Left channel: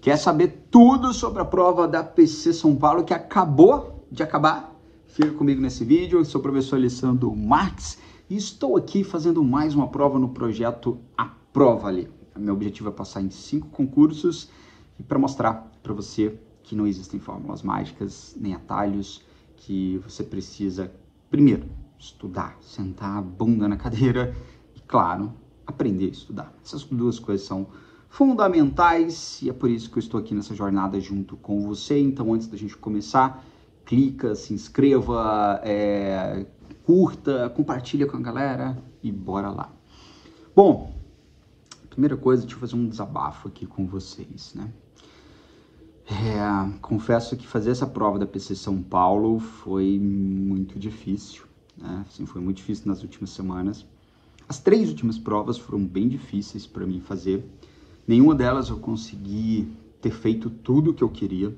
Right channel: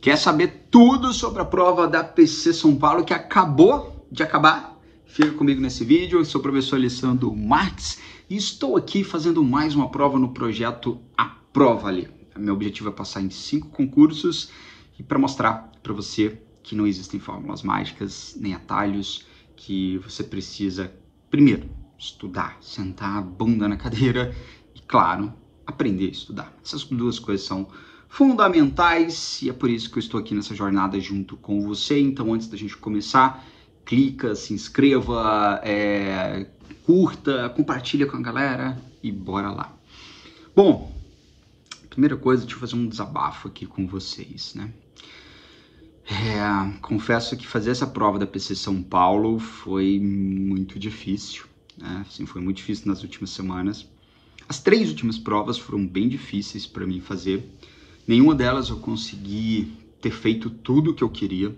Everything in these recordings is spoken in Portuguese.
Quer saber tudo sobre a prova da PC São Paulo que acabou de acabar? Fica comigo nesse vídeo. Eu sou o professor Alessandro Marques e estou aqui fazendo mais uma prova no projeto Aprova-lhe. Meu objetivo é passar em 5 concursos e para mostrar para você que não existem fórmulas mágicas nem atalhos, que você precisa, primeiro, estudar, sentar a bunda na cadeira e, claro, aprender a estudar. Essas duas coisas são fundamentais e é por isso que eu estou aqui nessa jornada junto com você. Então, antes da gente começar, clica, se inscreva, curta, compartilha com a galera e bora lá. Bom, primeira coisa, deixa eu fazer um desabafo aqui com vocês, né? Confesso que fazer essa prova da PC São Paulo foi muito difícil, né? Assim, foi muito difícil nas últimas semanas. As 3 últimas provas foram bem difíceis para mim fazer. Nenhuma delas eu consegui ter feito tudo o que eu queria,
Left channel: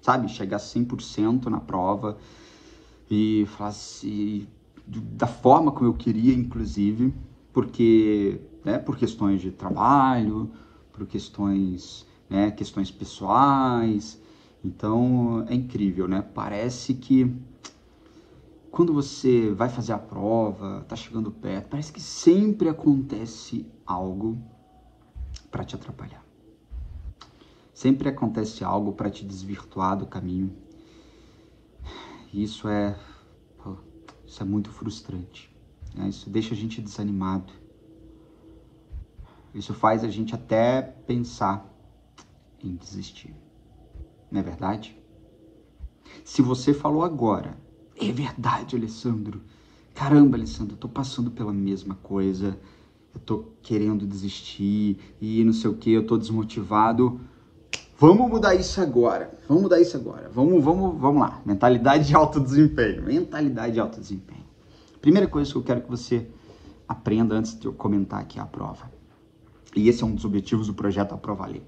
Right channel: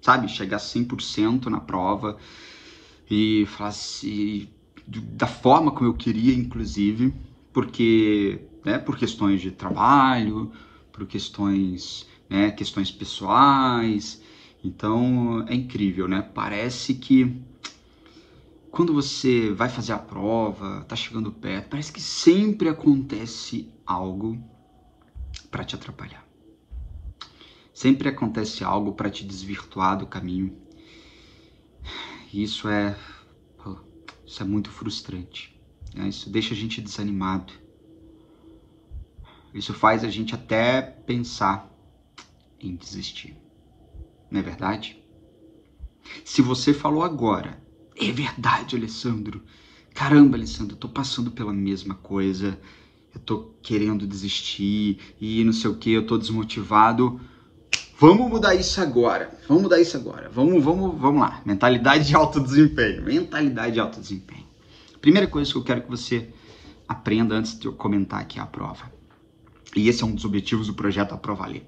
sabe? Chegar 100% na prova e falar assim, da forma como eu queria, inclusive, porque, né, por questões de trabalho, por questões, né, questões pessoais. Então, é incrível, né? Parece que quando você vai fazer a prova, tá chegando perto, parece que sempre acontece algo para te atrapalhar. Sempre acontece algo para te desvirtuar do caminho. E isso é muito frustrante, né? Isso deixa a gente desanimado. Isso faz a gente até pensar em desistir. Não é verdade? Se você falou agora, é verdade, Alessandro. Caramba, Alessandro, eu tô passando pela mesma coisa. Eu tô querendo desistir e não sei o que, eu tô desmotivado. Vamos mudar isso agora. Vamos mudar isso agora. Vamos lá. Mentalidade de alto desempenho. Mentalidade de alto desempenho. Primeira coisa que eu quero que você aprenda antes de eu comentar aqui a prova. E esse é um dos objetivos do projeto Aprova-lhe.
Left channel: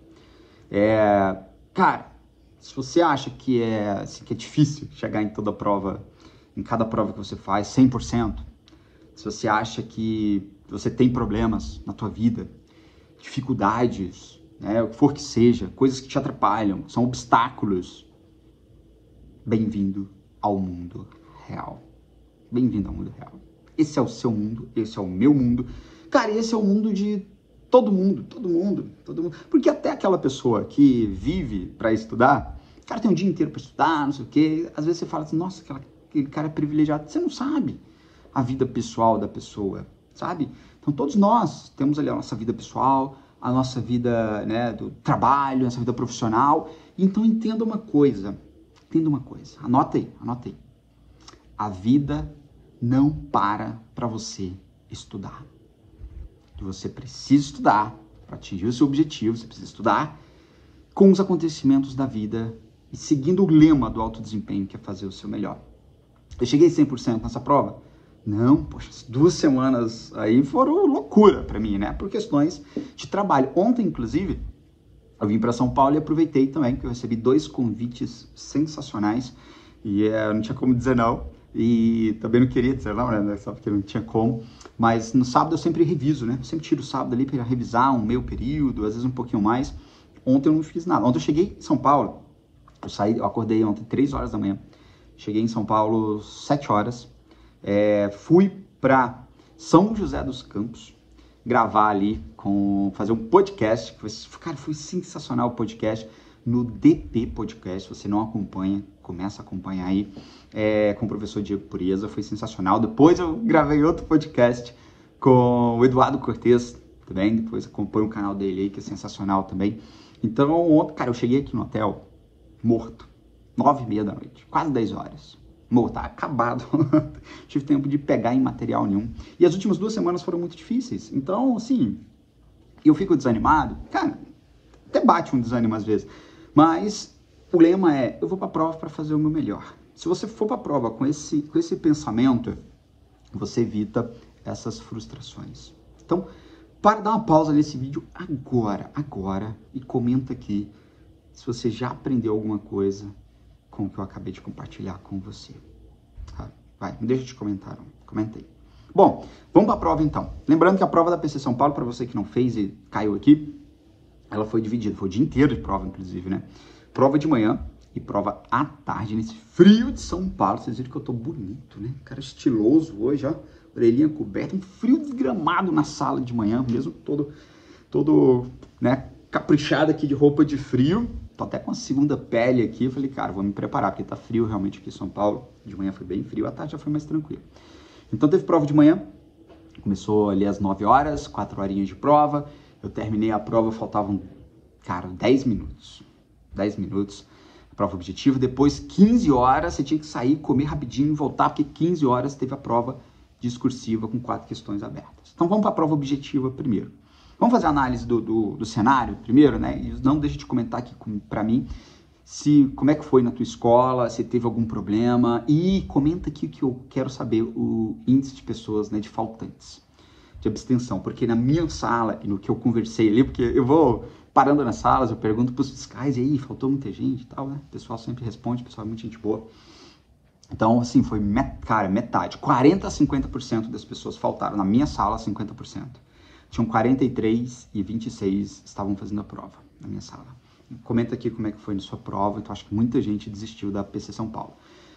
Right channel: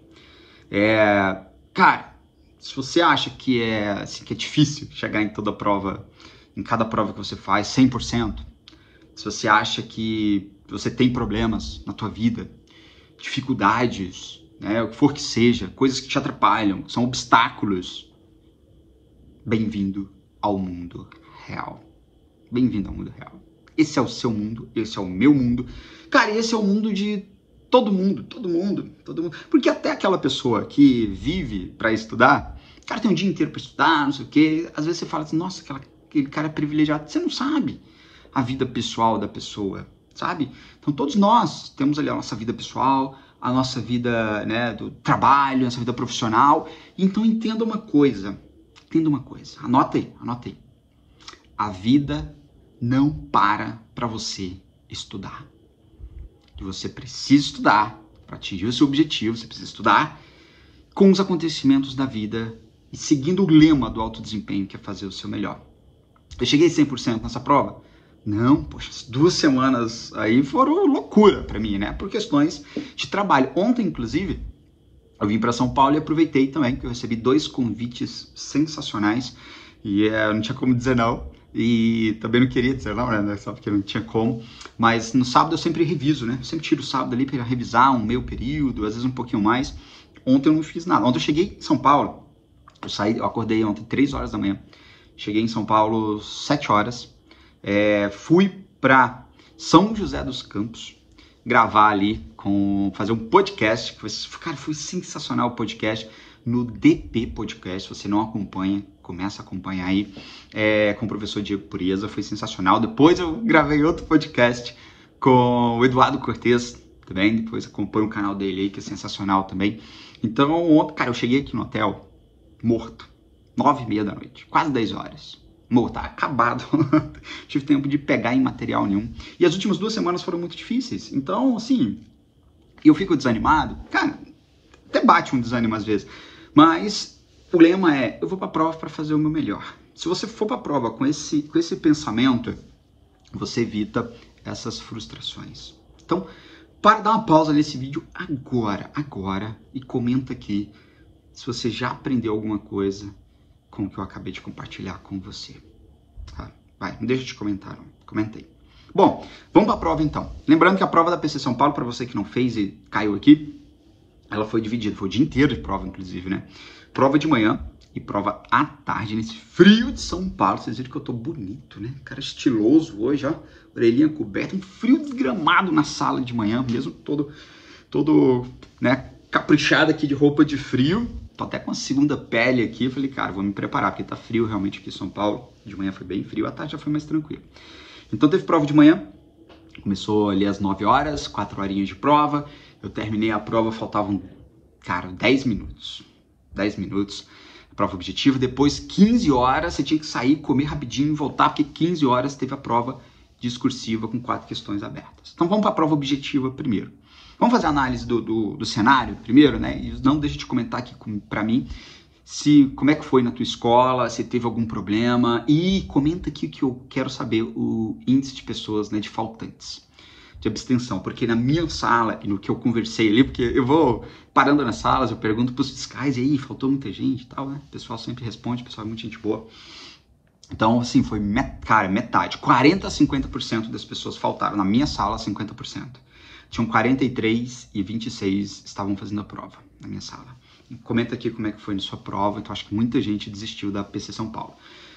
Cara, se você acha que é difícil chegar em toda prova, em cada prova que você faz, 100%, se você acha que você tem problemas na tua vida, dificuldades, né, o que for que seja, coisas que te atrapalham, são obstáculos, bem-vindo ao mundo real. Bem-vindo ao mundo real. Esse é o seu mundo, esse é o meu mundo. Cara, esse é o mundo de todo mundo. Porque até aquela pessoa que vive para estudar, o cara tem um dia inteiro para estudar, não sei o quê, às vezes você fala assim, nossa, aquele cara é privilegiado. Você não sabe a vida pessoal da pessoa, sabe? Então todos nós temos ali a nossa vida pessoal, a nossa vida, né, do trabalho, a nossa vida profissional. Então entenda uma coisa, anota aí. A vida não para você estudar. Você precisa estudar para atingir o seu objetivo, você precisa estudar com os acontecimentos da vida e seguindo o lema do alto desempenho, que é fazer o seu melhor. Eu cheguei 100% nessa prova? Não, poxa, as 2 semanas aí foram loucura para mim, né? Por questões de trabalho. Ontem, inclusive, eu vim para São Paulo e aproveitei também, que eu recebi 2 convites sensacionais e não tinha como dizer não. E também não queria dizer não, né? Só porque não tinha como. Mas no sábado eu sempre reviso, né? Eu sempre tiro o sábado ali para revisar um meio período, às vezes um pouquinho mais. Ontem eu não fiz nada. Ontem eu cheguei em São Paulo. Eu acordei ontem 3 horas da manhã. Cheguei em São Paulo 7 horas. Fui para São José dos Campos gravar ali, fazer um podcast. Cara, foi sensacional o podcast no DP Podcast. Se você não acompanha, começa a acompanhar aí, com o professor Diego Pureza, foi sensacional. Depois eu gravei outro podcast com o Eduardo Cortez também, depois acompanha o canal dele aí, que é sensacional também. Então, ontem, cara, eu cheguei aqui no hotel morto, 9h30 da noite, quase 10 horas. Morto, tá acabado. Tive tempo de pegar em material nenhum. E as últimas 2 semanas foram muito difíceis. Então, assim, eu fico desanimado. Cara, até bate um desânimo às vezes. Mas o lema é, eu vou pra prova para fazer o meu melhor. Se você for pra prova com esse pensamento, você evita essas frustrações. Então, para dar uma pausa nesse vídeo agora, e comenta aqui se você já aprendeu alguma coisa com o que eu acabei de compartilhar com você. Tá? Vai, não deixa de comentar, não. Comenta aí. Bom, vamos para a prova então. Lembrando que a prova da PC São Paulo, para você que não fez e caiu aqui, ela foi dividida, foi o dia inteiro de prova, inclusive, né? Prova de manhã e prova à tarde, nesse frio de São Paulo. Vocês viram que eu tô bonito, né? Cara estiloso hoje, ó. Orelhinha coberta, um frio desgramado na sala de manhã, mesmo todo, né, caprichado aqui de roupa de frio. Tô até com a segunda pele aqui. Eu falei, cara, vou me preparar, porque tá frio realmente aqui em São Paulo. De manhã foi bem frio, à tarde já foi mais tranquilo. Então teve prova de manhã, começou ali às 9 horas, 4 horinhas de prova. Eu terminei a prova, faltavam, cara, 10 minutos. 10 minutos, a prova objetiva. Depois, 15 horas, você tinha que sair, comer rapidinho e voltar, porque 15 horas teve a prova discursiva com 4 questões abertas. Então vamos para a prova objetiva primeiro. Vamos fazer a análise do cenário primeiro, né? E não deixa de comentar aqui para mim como é que foi na tua escola, se teve algum problema, e comenta aqui que eu quero saber o índice de pessoas, né, de faltantes, de abstenção, porque na minha sala e no que eu conversei ali, porque eu vou parando nas salas, eu pergunto para os fiscais, e aí, faltou muita gente e tal, né? O pessoal sempre responde, o pessoal é muito gente boa. Então, assim, foi, cara, metade, 40 a 50% das pessoas faltaram. Na minha sala, 50%. Tinham 43 e 26 estavam fazendo a prova na minha sala. Comenta aqui como é que foi na sua prova, então acho que muita gente desistiu da PC São Paulo.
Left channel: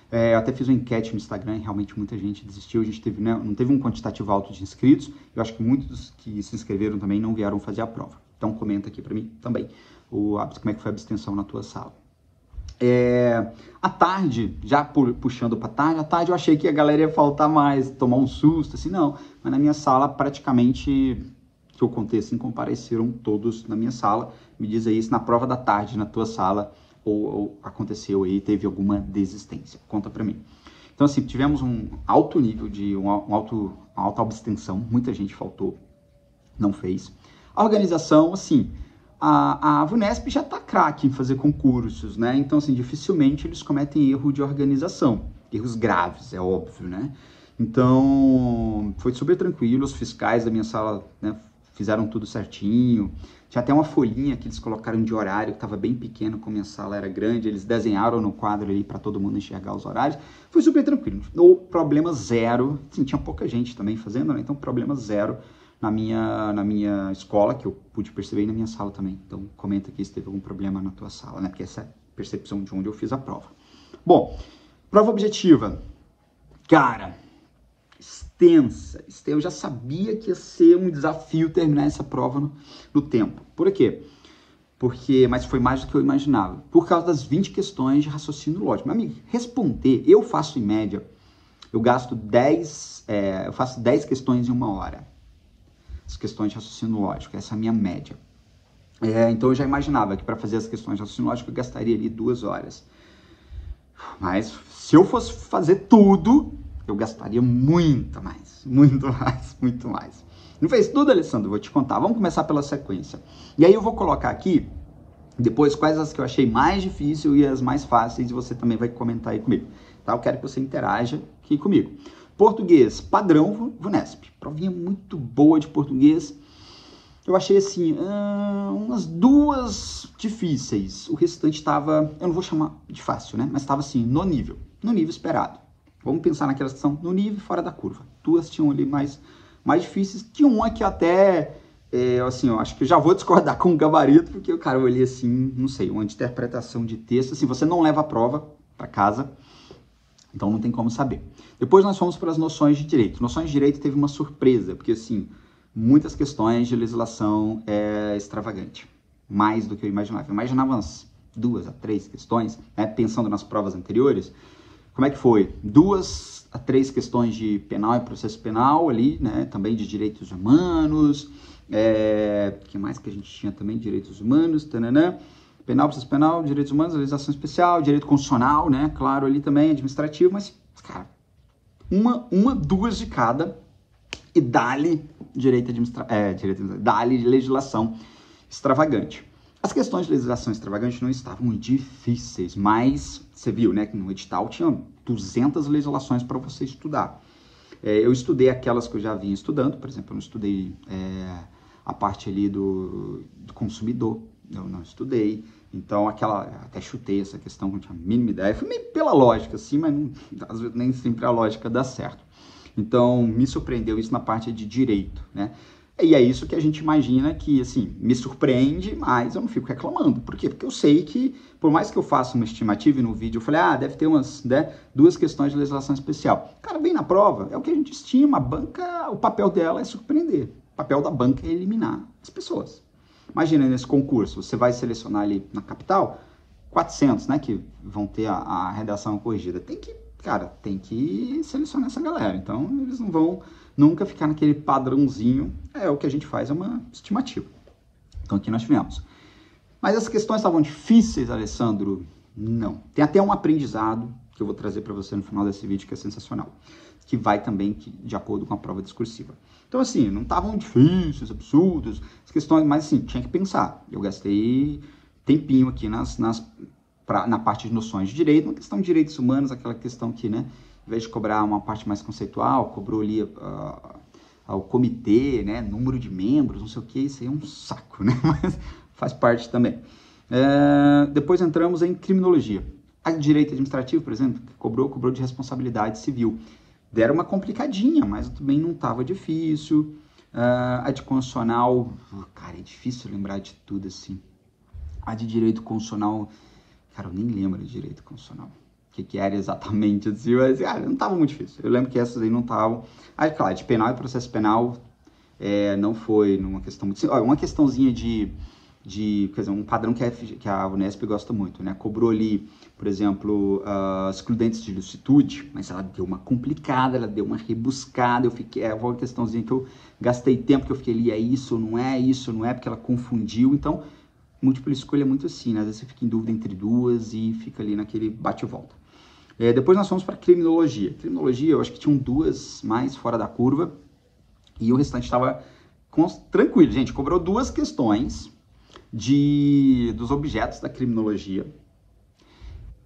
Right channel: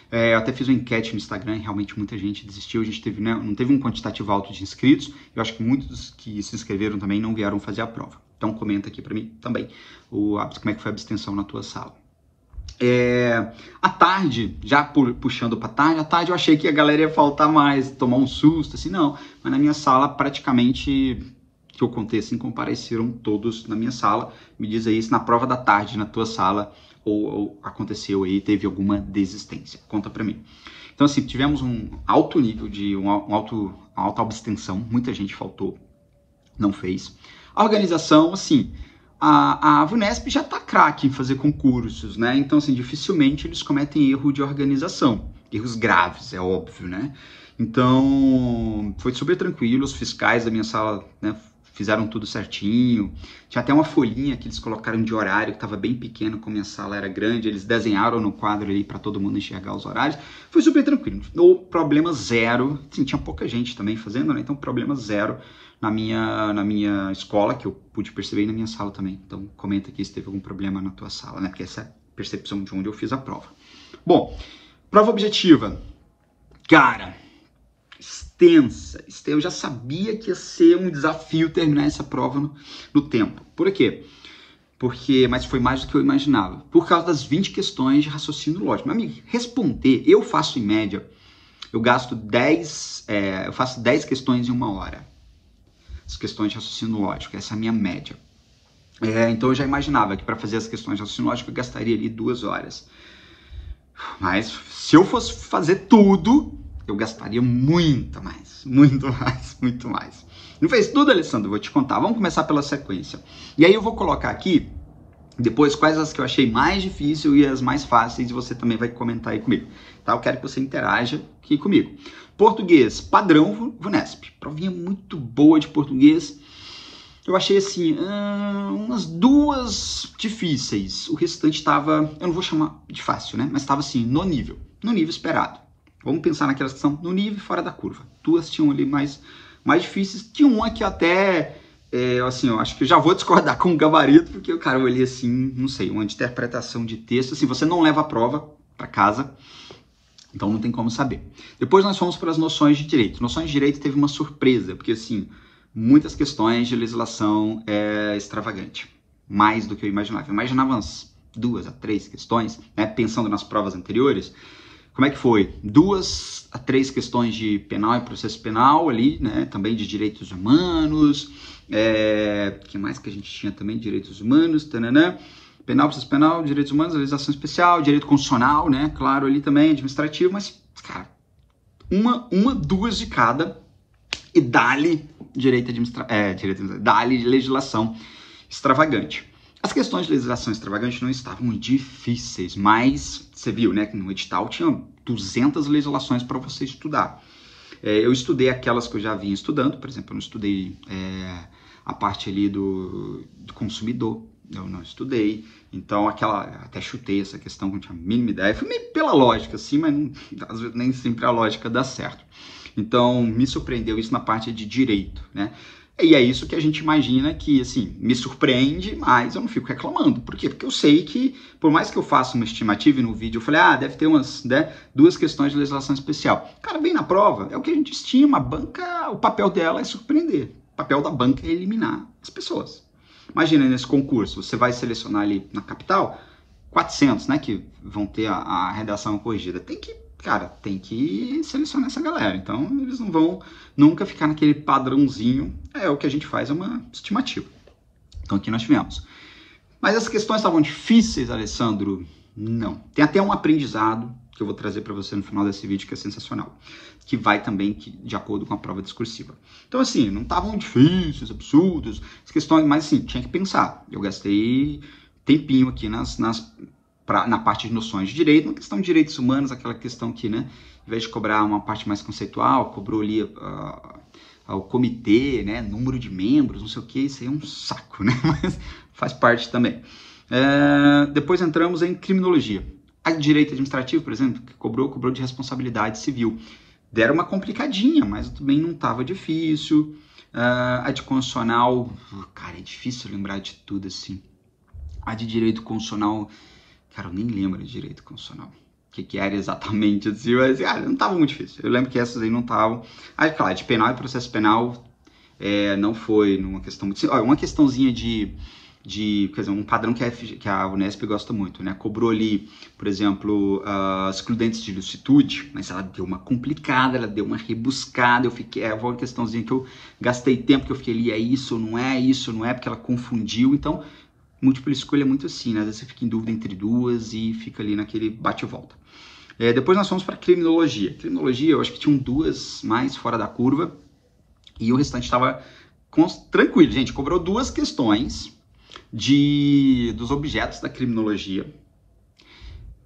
Eu até fiz uma enquete no Instagram e realmente muita gente desistiu. A gente teve, né, não teve um quantitativo alto de inscritos. Eu acho que muitos que se inscreveram também não vieram fazer a prova. Então comenta aqui para mim também como é que foi a abstenção na tua sala. À tarde, já puxando para tarde, à tarde eu achei que a galera ia faltar mais, tomar um susto, assim, não. Mas na minha sala, praticamente, que eu contei assim, compareceram todos na minha sala. Me diz aí se na prova da tarde, na tua sala, ou aconteceu aí, teve alguma desistência. Conta para mim. Então, assim, tivemos um alto nível de, uma alta abstenção, muita gente faltou, não fez. A organização, assim, a VUNESP já tá craque em fazer concursos, né? Então, assim, dificilmente eles cometem erro de organização. Erros graves, é óbvio, né? Então, foi super tranquilo, os fiscais da minha sala, né, fizeram tudo certinho. Tinha até uma folhinha que eles colocaram de horário, que estava bem pequeno, como a minha sala era grande, eles desenharam no quadro ali para todo mundo enxergar os horários. Foi super tranquilo, no problema zero. Sim, tinha pouca gente também fazendo, né? Então problema zero na minha escola, que eu pude perceber, e na minha sala também. Então comenta aqui se teve algum problema na tua sala, né? Porque essa é a percepção de onde eu fiz a prova. Bom, prova objetiva. Cara, extensa. Eu já sabia que ia ser um desafio terminar essa prova no tempo. Por quê? Mas foi mais do que eu imaginava. Por causa das 20 questões de raciocínio lógico. Meu amigo, responder, eu faço em média, eu faço 10 questões em 1 hora. As questões de raciocínio lógico, essa é a minha média. Então eu já imaginava que para fazer as questões de raciocínio lógico eu gastaria ali 2 horas. Mas se eu fosse fazer tudo, eu gastaria muito mais. Não fez tudo, Alessandro? Vou te contar. Vamos começar pela sequência. E aí eu vou colocar aqui, depois, quais as que eu achei mais difícil e as mais fáceis, e você também vai comentar aí comigo. Tá? Eu quero que você interaja aqui comigo. Português, padrão VUNESP. Provinha muito boa de português. Eu achei assim, umas 2 difíceis. O restante estava, eu não vou chamar de fácil, né? Mas estava assim, no nível esperado. Vamos pensar naquelas que são no nível fora da curva. 2 tinham ali mais difíceis. Tinha uma que até, assim, eu acho que eu já vou discordar com o gabarito, porque o cara eu olhei assim, não sei, uma interpretação de texto. Assim, você não leva a prova para casa, então não tem como saber. Depois nós fomos para as noções de direito. Noções de direito teve uma surpresa, porque assim, muitas questões de legislação extravagante. Mais do que eu imaginava. Eu imaginava umas 2 a 3 questões, né, pensando nas provas anteriores. Como é que foi? 2 a 3 questões de penal e processo penal ali, né? Também de direitos humanos. Que mais que a gente tinha também? Direitos humanos, tananã. Penal, processo penal, direitos humanos, legislação especial, direito constitucional, né? Claro, ali também, administrativo, mas, cara, 2 de cada e dá-lhe dá-lhe legislação extravagante. As questões de legislação extravagante não estavam difíceis, mas você viu, né, que no edital tinha 200 legislações para você estudar. Eu estudei aquelas que eu já vinha estudando, por exemplo, eu não estudei a parte ali do consumidor, eu não estudei, então até chutei essa questão, não tinha a mínima ideia, foi meio pela lógica, assim, mas às vezes nem sempre a lógica dá certo. Então, me surpreendeu isso na parte de direito, né? E é isso que a gente imagina que, assim, me surpreende, mas eu não fico reclamando. Por quê? Porque eu sei que, por mais que eu faça uma estimativa e no vídeo eu falei, deve ter umas, né, 2 questões de legislação especial. Cara, bem na prova, é o que a gente estima. A banca, o papel dela é surpreender. O papel da banca é eliminar as pessoas. Imagina nesse concurso, você vai selecionar ali na capital 400, né, que vão ter a redação corrigida. Tem que selecionar essa galera. Então, eles não vão nunca ficar naquele padrãozinho. O que a gente faz é uma estimativa. Então, aqui nós tivemos. Mas as questões estavam difíceis, Alessandro? Não. Tem até um aprendizado que eu vou trazer para você no final desse vídeo, que é sensacional. Que vai também de acordo com a prova discursiva. Então, assim, não estavam difíceis, absurdos, as questões, mas, assim, tinha que pensar. Eu gastei tempinho aqui na parte de noções de direito, uma questão de direitos humanos, aquela questão que, né, em vez de cobrar uma parte mais conceitual, cobrou ali o comitê, né, número de membros, não sei o que, isso aí é um saco, né, mas faz parte também. Depois entramos em criminologia. A direito administrativo, por exemplo, que cobrou de responsabilidade civil. Deram uma complicadinha, mas também não estava difícil. A de constitucional, cara, é difícil lembrar de tudo, assim. A de direito constitucional, cara, eu nem lembro de direito constitucional. O que era exatamente, assim, mas, cara, não estava muito difícil. Eu lembro que essas aí não estavam. Aí, claro, de penal e processo penal, não foi numa questão muito... Olha, uma questãozinha quer dizer, um padrão que a Unesp gosta muito, né? Cobrou ali, por exemplo, excludentes de ilicitude, mas ela deu uma complicada, ela deu uma rebuscada, foi uma questãozinha que eu gastei tempo, que eu fiquei ali, é isso, não é, porque ela confundiu, então... Múltipla escolha é muito assim, né? Às vezes você fica em dúvida entre duas e fica ali naquele bate e volta. Depois nós fomos para criminologia. Criminologia, eu acho que tinham 2 mais fora da curva e o restante estava tranquilo. Gente, cobrou 2 questões dos objetos da criminologia.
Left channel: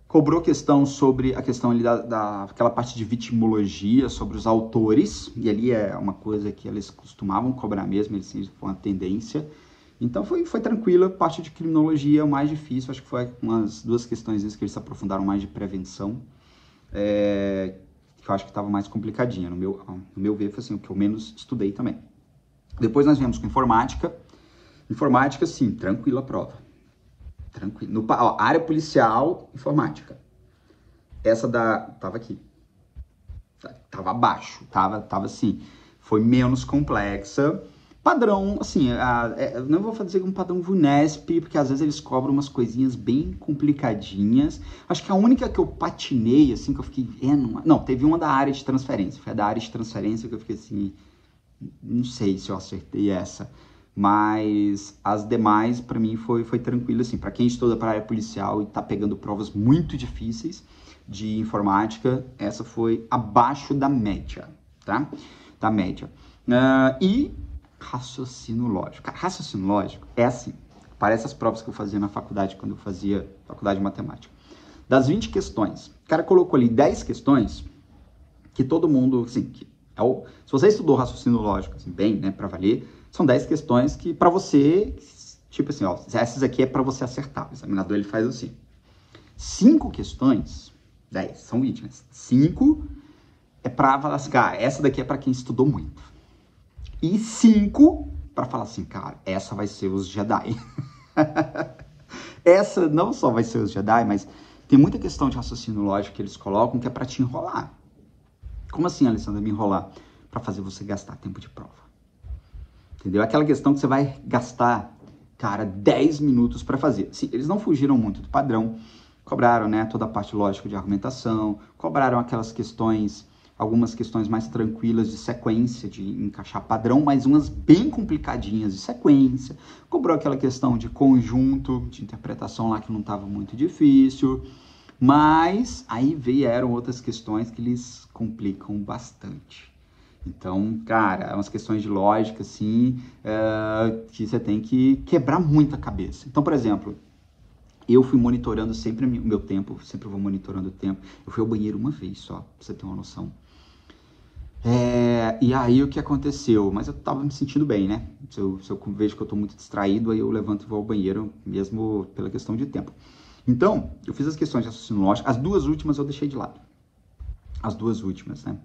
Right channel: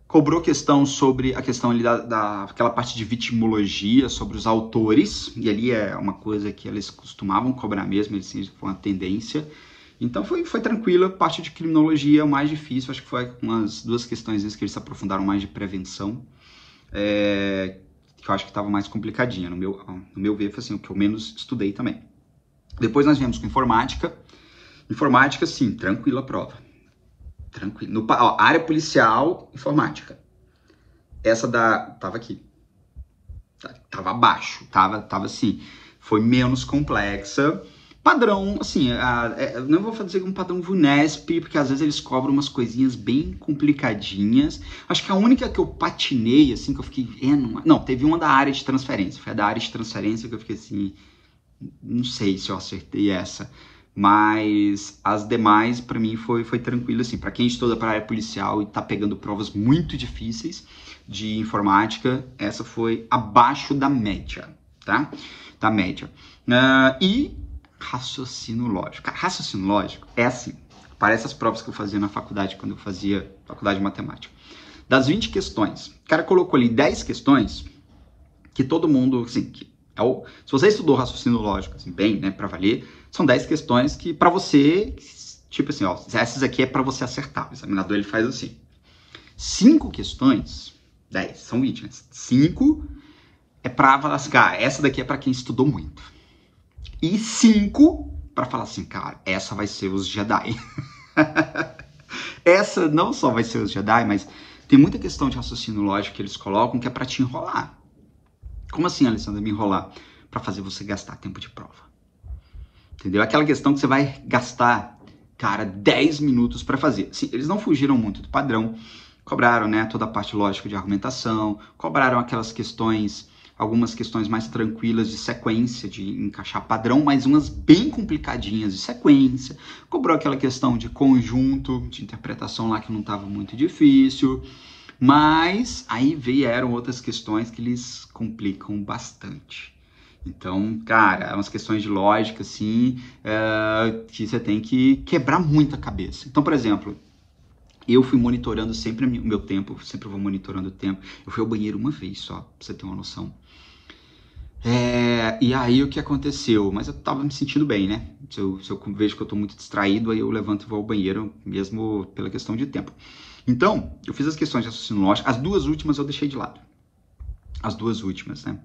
Cobrou questão sobre a questão ali daquela parte de vitimologia, sobre os autores. E ali é uma coisa que eles costumavam cobrar mesmo, eles foi uma tendência. Então foi tranquila, parte de criminologia é o mais difícil, acho que foi umas 2 questões que eles se aprofundaram mais de prevenção, que eu acho que estava mais complicadinha, no meu ver, foi assim, o que eu menos estudei também. Depois nós viemos com informática, sim, tranquila a prova, tranquilo. Área policial, informática, essa tava aqui, tava abaixo, tava assim, foi menos complexa. Padrão, assim, não vou dizer um padrão VUNESP, porque às vezes eles cobram umas coisinhas bem complicadinhas. Acho que a única que eu patinei, assim, que eu fiquei... Não, teve uma da área de transferência. Foi a da área de transferência que eu fiquei assim... Não sei se eu acertei essa. Mas as demais, pra mim, foi tranquilo, assim. Pra quem estuda para a área policial e tá pegando provas muito difíceis de informática, essa foi abaixo da média, tá? Da média. Raciocínio lógico. Cara, raciocínio lógico é assim. Parece as provas que eu fazia na faculdade, quando eu fazia faculdade de matemática. Das 20 questões, o cara colocou ali 10 questões que todo mundo, assim, se você estudou raciocínio lógico, assim, bem, né, pra valer, são 10 questões que pra você, tipo assim, essas aqui é pra você acertar. O examinador, ele faz assim. 5 questões, 10, são 20, né? 5 é pra falar assim, cara, essa daqui é pra quem estudou muito. E 5 para falar assim, cara, essa vai ser os Jedi. Essa não só vai ser os Jedi, mas tem muita questão de raciocínio lógico que eles colocam que é para te enrolar. Como assim, Alessandra, me enrolar? Para fazer você gastar tempo de prova. Entendeu? Aquela questão que você vai gastar, cara, 10 minutos para fazer. Sim, eles não fugiram muito do padrão. Cobraram, né, toda a parte lógica de argumentação. Cobraram aquelas questões... Algumas questões mais tranquilas de sequência, de encaixar padrão, mas umas bem complicadinhas de sequência. Cobrou aquela questão de conjunto, de interpretação lá que não estava muito difícil. Mas aí vieram outras questões que eles complicam bastante. Então, cara, umas questões de lógica, assim, que você tem que quebrar muito a cabeça. Então, por exemplo... Eu fui monitorando sempre o meu tempo, sempre vou monitorando o tempo. Eu fui ao banheiro uma vez só, pra você ter uma noção. E aí o que aconteceu? Mas eu tava me sentindo bem, né? Se eu vejo que eu tô muito distraído, aí eu levanto e vou ao banheiro, mesmo pela questão de tempo. Então, eu fiz as questões de raciocínio lógico, as 2 últimas eu deixei de lado. as duas últimas, né?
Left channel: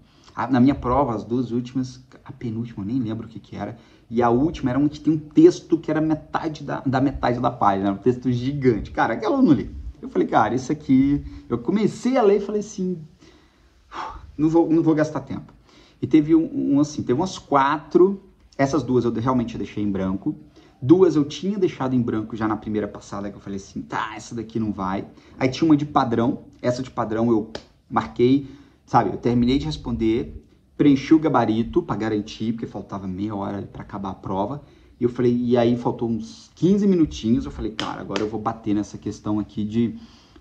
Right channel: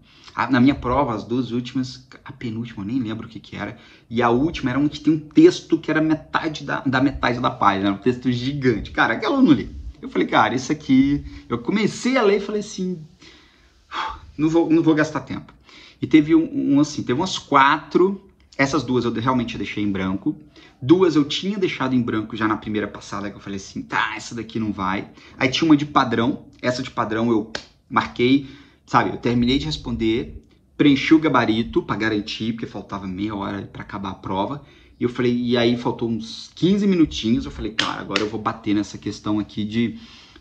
Na minha prova, as duas últimas, a penúltima, eu nem lembro o que era, e a última era uma que tem um texto que era metade da metade da página, era um texto gigante. Cara, aquela eu não li. Eu falei, cara, isso aqui... Eu comecei a ler e falei assim, não vou gastar tempo. E teve teve umas 4, essas duas eu realmente deixei em branco, 2 eu tinha deixado em branco já na primeira passada, que eu falei assim, tá, essa daqui não vai. Aí tinha uma de padrão, essa de padrão eu marquei, sabe, eu terminei de responder, preenchi o gabarito para garantir, porque faltava meia hora para acabar a prova, e eu falei, e aí faltou uns 15 minutinhos, eu falei, cara, agora eu vou bater nessa questão aqui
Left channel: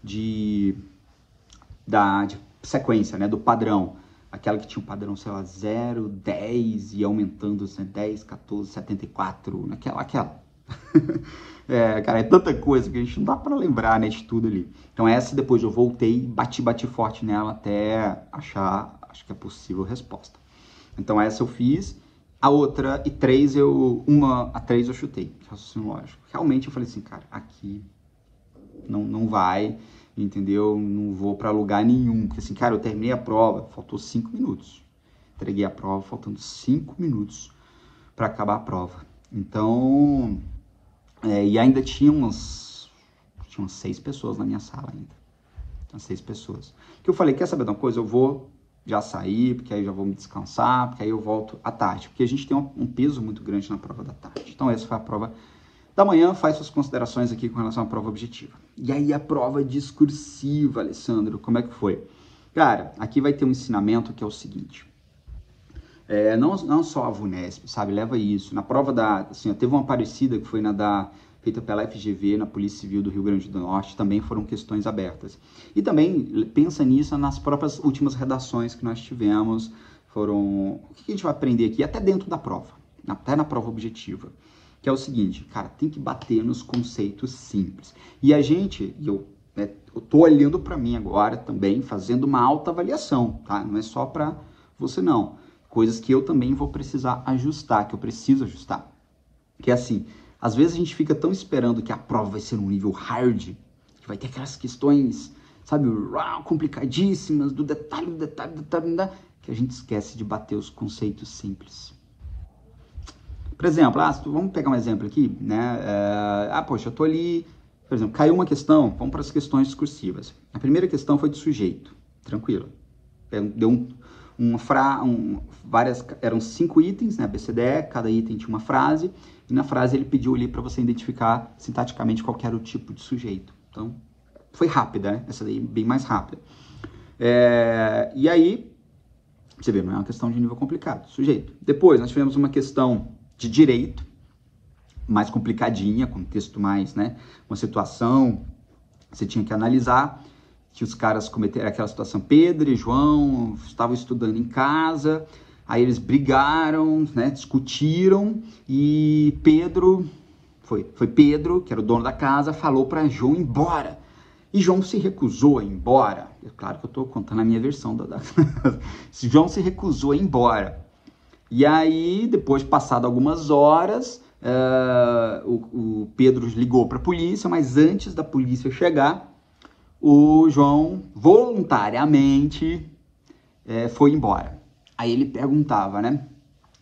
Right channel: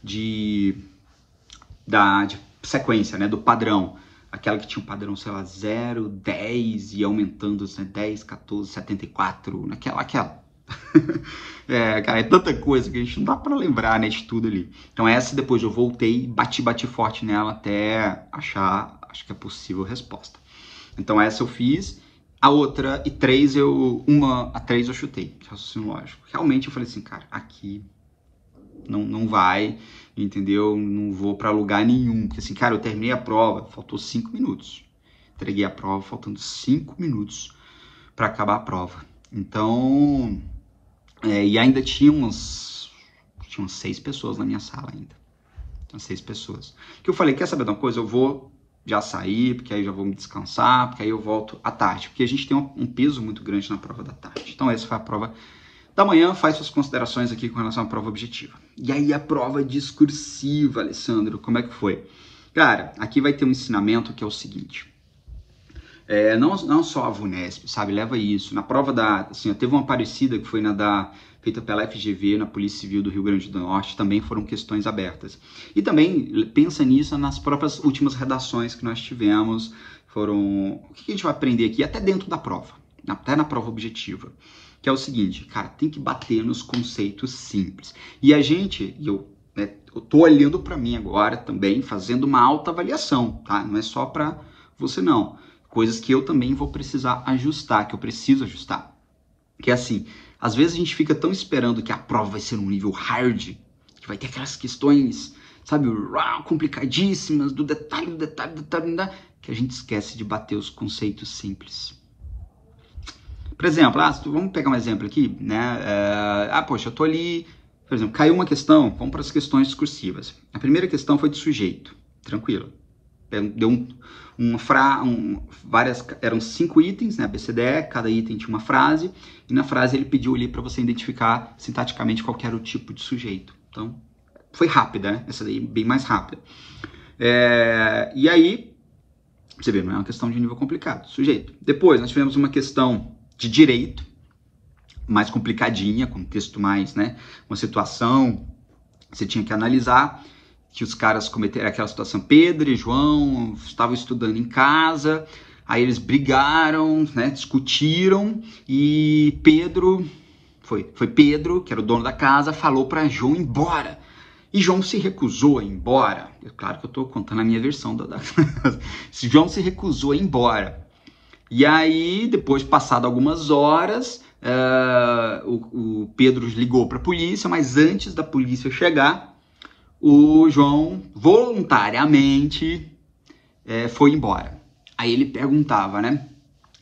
de sequência, né, do padrão. Aquela que tinha um padrão, sei lá, 0, 10 e aumentando, né, 10, 14, 74, naquela. Cara, é tanta coisa que a gente não dá pra lembrar, né, de tudo ali. Então essa depois eu voltei, bati forte nela até achar, acho que é possível resposta. Então essa eu fiz, a outra, a 3 eu chutei, raciocínio lógico. Realmente eu falei assim, cara, aqui não vai, entendeu? Não vou pra lugar nenhum. Porque assim, cara, eu terminei a prova, faltou 5 minutos. Entreguei a prova, faltando 5 minutos pra acabar a prova. Então, e ainda tinha umas 6 pessoas na minha sala ainda. Tinha 6 pessoas. Que eu falei, quer saber de uma coisa? Eu vou já sair, porque aí já vou me descansar, porque aí eu volto à tarde. Porque a gente tem um peso muito grande na prova da tarde. Então essa foi a prova da manhã. Faz suas considerações aqui com relação à prova objetiva. E aí a prova discursiva, Alessandro, como é que foi? Cara, aqui vai ter um ensinamento que é o seguinte. Não só a VUNESP, sabe? Leva isso. Na prova teve uma parecida que foi feita pela FGV, na Polícia Civil do Rio Grande do Norte, também foram questões abertas. E também pensa nisso nas próprias últimas redações que nós tivemos. O que a gente vai aprender aqui, até dentro da prova, até na prova objetiva, que é o seguinte, cara, tem que bater nos conceitos simples. E eu tô olhando para mim agora também, fazendo uma autoavaliação, tá? Não é só para você não. Coisas que eu também vou precisar ajustar, que eu preciso ajustar. Que é assim, às vezes a gente fica tão esperando que a prova vai ser um nível hard, que vai ter aquelas questões, sabe, complicadíssimas, do detalhe, que a gente esquece de bater os conceitos simples. Por exemplo, vamos pegar um exemplo aqui, né? Poxa, eu tô ali, por exemplo, caiu uma questão, vamos para as questões discursivas. A primeira questão foi de sujeito, tranquilo. Deu eram 5 itens, né, ABCDE, cada item tinha uma frase, e na frase ele pediu ali para você identificar sintaticamente qual era o tipo de sujeito. Então, foi rápida, né? Essa daí bem mais rápida. E aí, você vê, não é uma questão de nível complicado, sujeito. Depois, nós tivemos uma questão de direito, mais complicadinha, com texto mais, né, uma situação, você tinha que analisar, que os caras cometeram aquela situação, Pedro e João estavam estudando em casa, aí eles brigaram, né, discutiram, e Pedro, foi Pedro, que era o dono da casa, falou para João ir embora. E João se recusou a ir embora. É claro que eu estou contando a minha versão João se recusou a ir embora. E aí, depois, passado algumas horas, o Pedro ligou para a polícia, mas antes da polícia chegar, o João voluntariamente foi embora. Aí ele perguntava, né?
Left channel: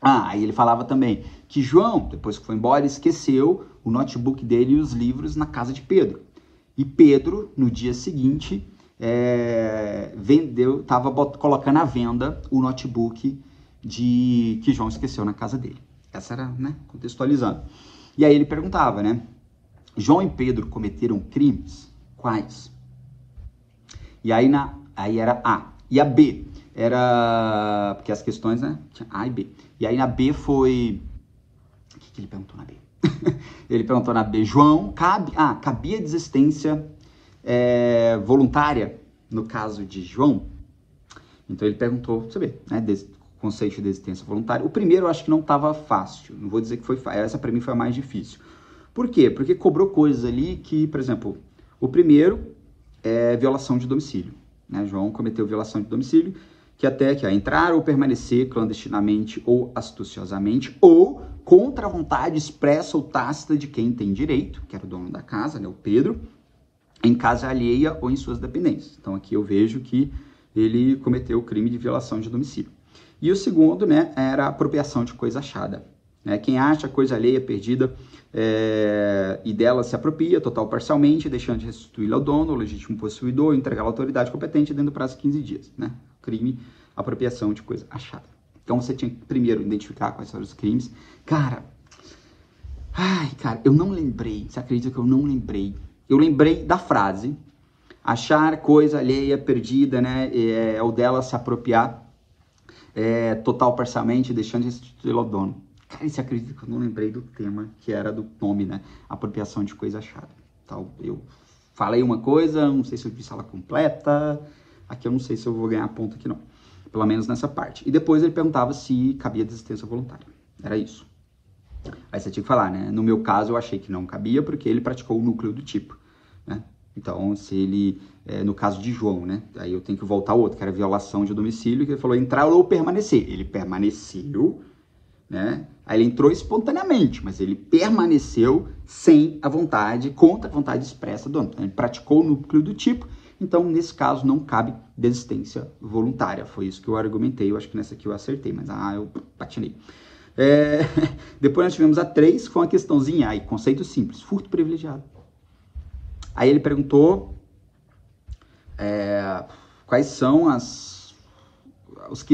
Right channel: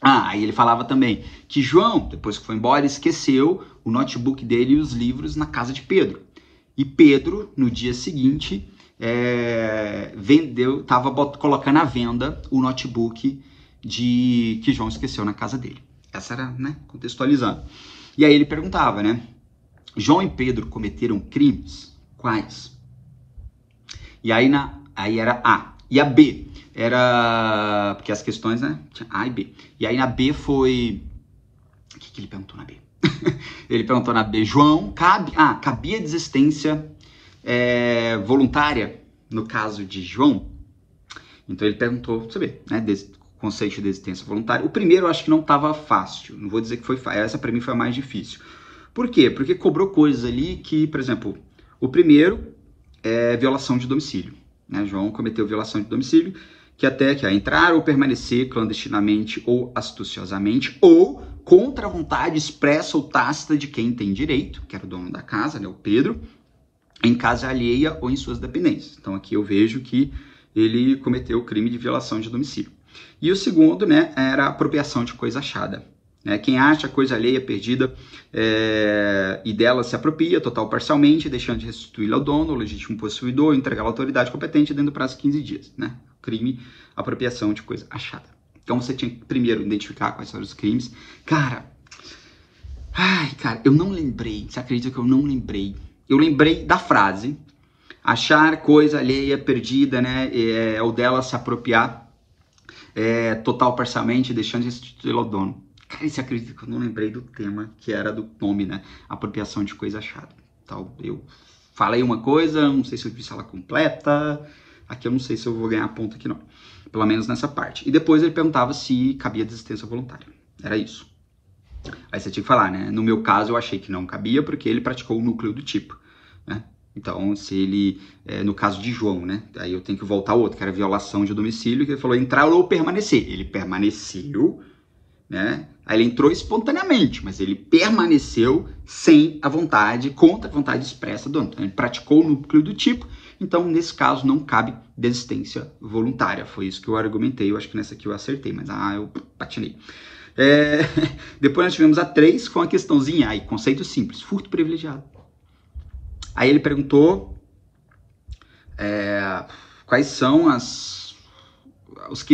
Aí ele falava também que João, depois que foi embora, esqueceu o notebook dele e os livros na casa de Pedro. E Pedro, no dia seguinte, estava colocando à venda o notebook que João esqueceu na casa dele. Essa era, né, contextualizando. E aí ele perguntava, né? João e Pedro cometeram crimes? Quais? E aí era A. E a B era... Porque as questões, né? Tinha A e B. E aí na B foi... O que ele perguntou na B? Ele perguntou na B, João, cabia desistência voluntária no caso de João? Então ele perguntou, você vê, né? Conceito de desistência voluntária. O primeiro eu acho que não estava fácil. Não vou dizer que foi fácil. Essa para mim foi a mais difícil. Por quê? Porque cobrou coisas ali que, por exemplo, o primeiro é violação de domicílio. Né? João cometeu violação de domicílio, que é entrar ou permanecer clandestinamente ou astuciosamente ou contra a vontade expressa ou tácita de quem tem direito, que era o dono da casa, né, o Pedro, em casa alheia ou em suas dependências. Então aqui eu vejo que ele cometeu o crime de violação de domicílio. E o segundo, né, era apropriação de coisa achada. Quem acha coisa alheia perdida e dela se apropria, total ou parcialmente, deixando de restituí-la ao dono, ao legítimo possuidor, entregá-la à autoridade competente dentro do prazo de 15 dias. Né? Crime, apropriação de coisa achada. Então você tinha que primeiro identificar quais foram os crimes. Cara, eu não lembrei. Você acredita que eu não lembrei? Eu lembrei da frase, achar coisa alheia perdida, né, ou dela se apropriar total ou parcialmente, deixando de restituí-la ao dono. Cara, você acredita que eu não lembrei do tema, que era do nome, né? Apropriação de coisa achada. Então, eu falei uma coisa, não sei se eu fiz ela completa. Aqui eu não sei se eu vou ganhar ponto aqui, não. Pelo menos nessa parte. E depois ele perguntava se cabia desistência voluntária. Era isso. Aí você tinha que falar, né? No meu caso, eu achei que não cabia, porque ele praticou o núcleo do tipo, né? Então, se ele, no caso de João, né? Aí eu tenho que voltar ao outro, que era violação de domicílio, que ele falou entrar ou permanecer. Ele permaneceu, né? Aí ele entrou espontaneamente, mas ele permaneceu sem a vontade, contra a vontade expressa do dono. Então, ele praticou o núcleo do tipo, então, nesse caso, não cabe desistência voluntária. Foi isso que eu argumentei, eu acho que nessa aqui eu acertei, mas eu patinei. Depois nós tivemos a 3, com a questãozinha, aí, conceito simples, furto privilegiado. Aí ele perguntou quais são os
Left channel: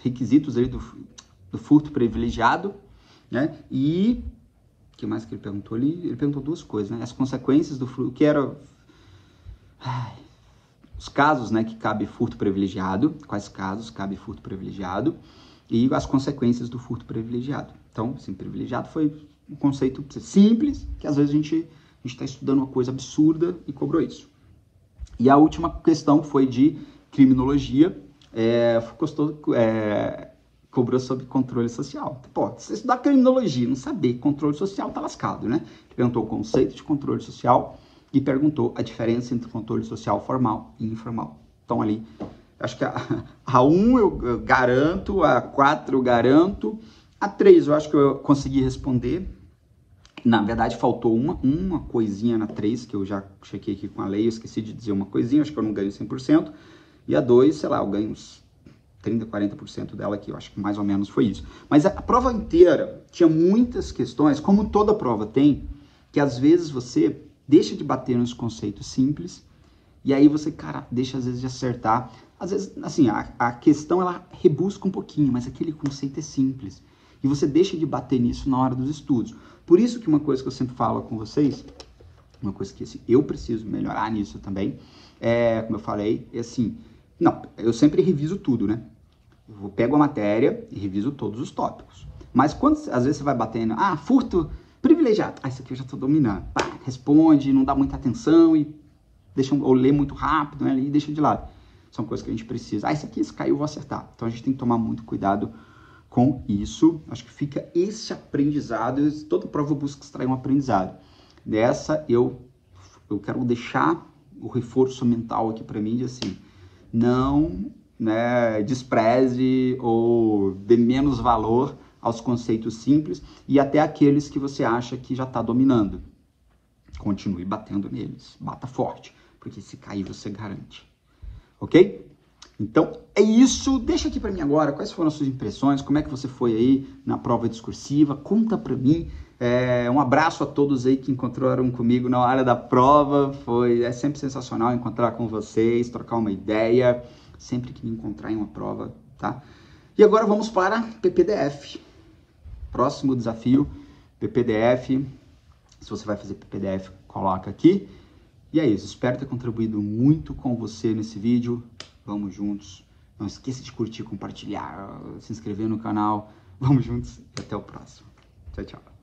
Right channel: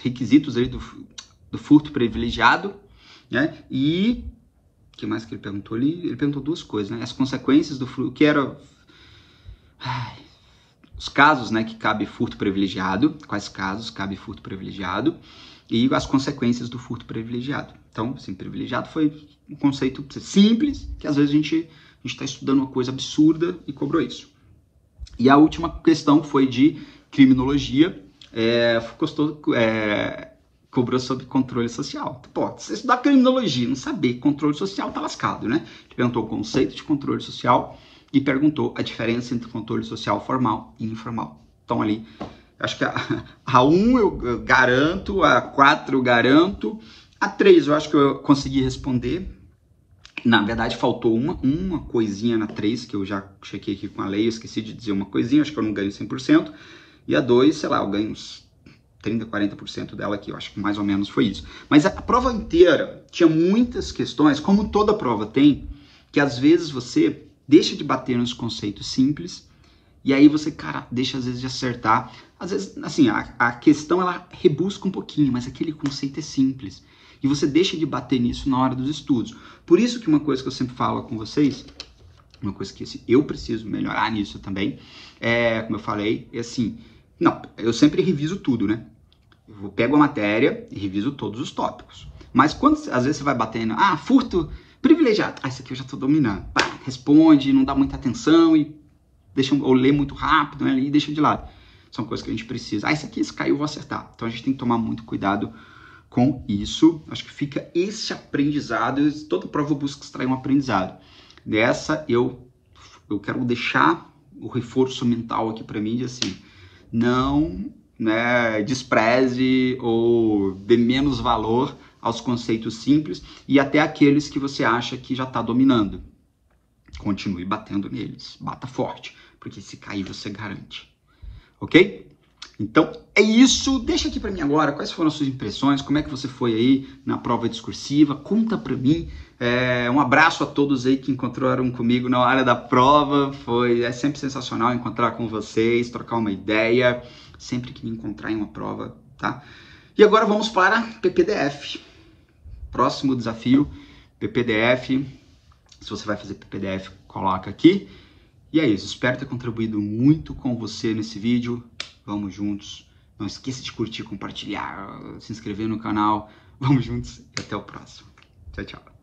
requisitos aí do furto privilegiado, né? E o que mais que ele perguntou ali? Ele perguntou duas coisas, né? As consequências do furto, que era os casos, né, que cabe furto privilegiado, quais casos cabe furto privilegiado e as consequências do furto privilegiado. Então, assim, privilegiado foi um conceito simples, que às vezes a gente está estudando uma coisa absurda e cobrou isso. E a última questão foi de criminologia, cobrou sobre controle social. Pô, se você estudar criminologia e não saber controle social, tá lascado, né? Ele perguntou o conceito de controle social e perguntou a diferença entre controle social formal e informal. Então ali, acho que a 1 eu garanto, a 4 eu garanto, a 3 eu acho que eu consegui responder. Na verdade, faltou uma coisinha na 3, que eu já chequei aqui com a lei, eu esqueci de dizer uma coisinha, acho que eu não ganho 100%. E a 2, sei lá, eu ganho uns 30%, 40% dela aqui, eu acho que mais ou menos foi isso. Mas a prova inteira tinha muitas questões, como toda prova tem, que às vezes você deixa de bater nos conceitos simples, e aí você, cara, deixa às vezes de acertar. Às vezes, assim, a questão ela rebusca um pouquinho, mas aquele conceito é simples. E você deixa de bater nisso na hora dos estudos. Por isso que uma coisa que eu sempre falo com vocês, uma coisa que assim, eu preciso melhorar nisso também, como eu falei, é assim, não, eu sempre reviso tudo, né? Eu pego a matéria e reviso todos os tópicos. Mas quando, às vezes, você vai batendo, furto privilegiado. Isso aqui eu já estou dominando. Responde, não dá muita atenção e ou lê muito rápido, né, e deixa de lado. São coisas que a gente precisa. Isso aqui, se caiu, eu vou acertar. Então, a gente tem que tomar muito cuidado com isso. Acho que fica esse aprendizado. Toda prova eu busco extrair um aprendizado. Nessa, eu quero deixar o reforço mental aqui para mim de assim, não, né, despreze ou dê menos valor aos conceitos simples e até aqueles que você acha que já está dominando. Continue batendo neles, bata forte, porque se cair você garante, ok? Então é isso, deixa aqui para mim agora quais foram as suas impressões, como é que você foi aí na prova discursiva, conta para mim. Um abraço a todos aí que encontraram comigo na hora da prova, é sempre sensacional encontrar com vocês, trocar uma ideia, sempre que me encontrar em uma prova, tá? E agora vamos para PPDF. Próximo desafio, PPDF. Se você vai fazer PPDF, coloca aqui. E é isso, espero ter contribuído muito com você nesse vídeo. Vamos juntos. Não esqueça de curtir, compartilhar, se inscrever no canal. Vamos juntos e até o próximo. Tchau, tchau.